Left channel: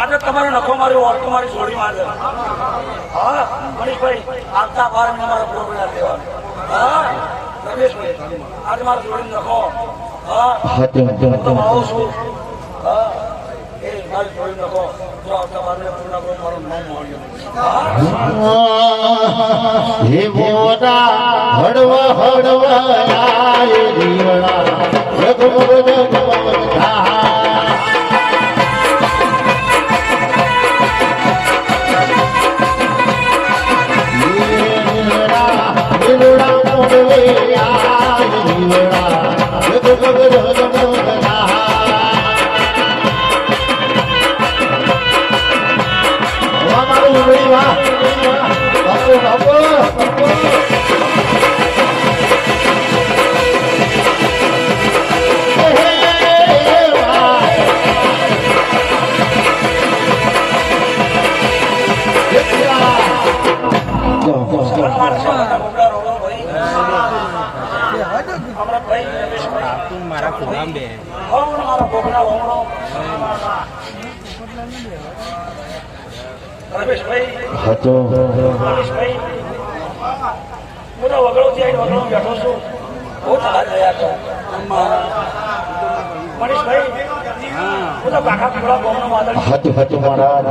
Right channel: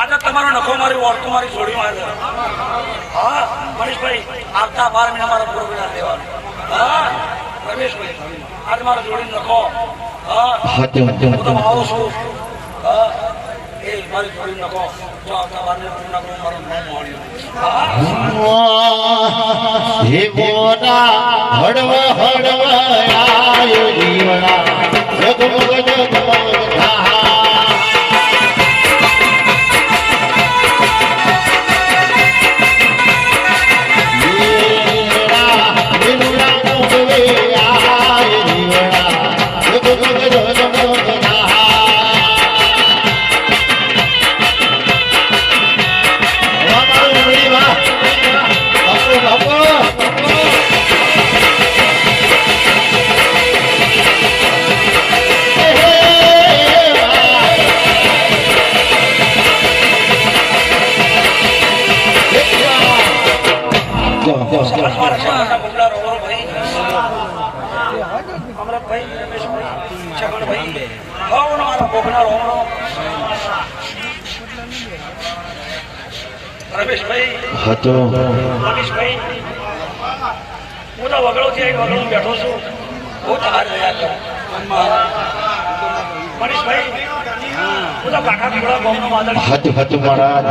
આજે તમારો નખો મારી ઓળખું મારી જોડી મારે. હા મનીષભાઈ આવતા 12 મહિના મારા પ્રોગ્રામ લેવાનું. હા રમેશભાઈ આજે મારા જોડી નખો. હા હું તો આવું છું. હા એ મારી જોડી નખો જો આવતા 12 મહિના પૂર્ણ કરો મારું નામ મળ્યું. હે મોટા હડવા હડવા જીવડા જગમગ જગમગ થા હતો મનીષભાઈ હું તો વગડોથી આવી વગડો બેઠો છું. બહુ થાર ગયા હતા મનીષભાઈ. હું તો કાકા પીવડા ગામનો માદળ હતું મહારાજ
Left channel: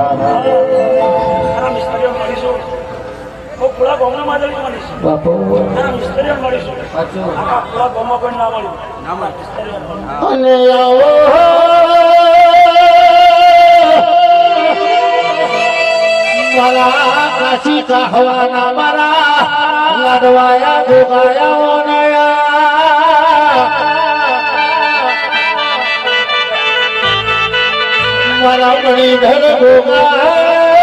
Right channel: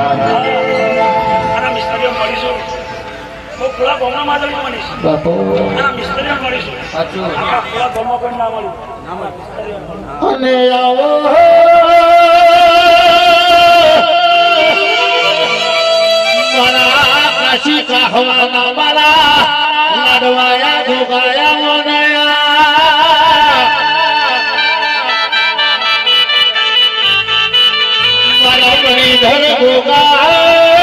અને મિસ્ત્રીઓ મળીશું. હું પૂરા ગામનો માદળ મળીશ અને મિસ્ત્રીઓ મળીશું. કાકા પૂરા ગામમાં પણ ના મળ્યું. અને આવો મારા કાશી કહવાના મારા લડવાયા જોગાયા વનયા મારા મણિધર ગોગા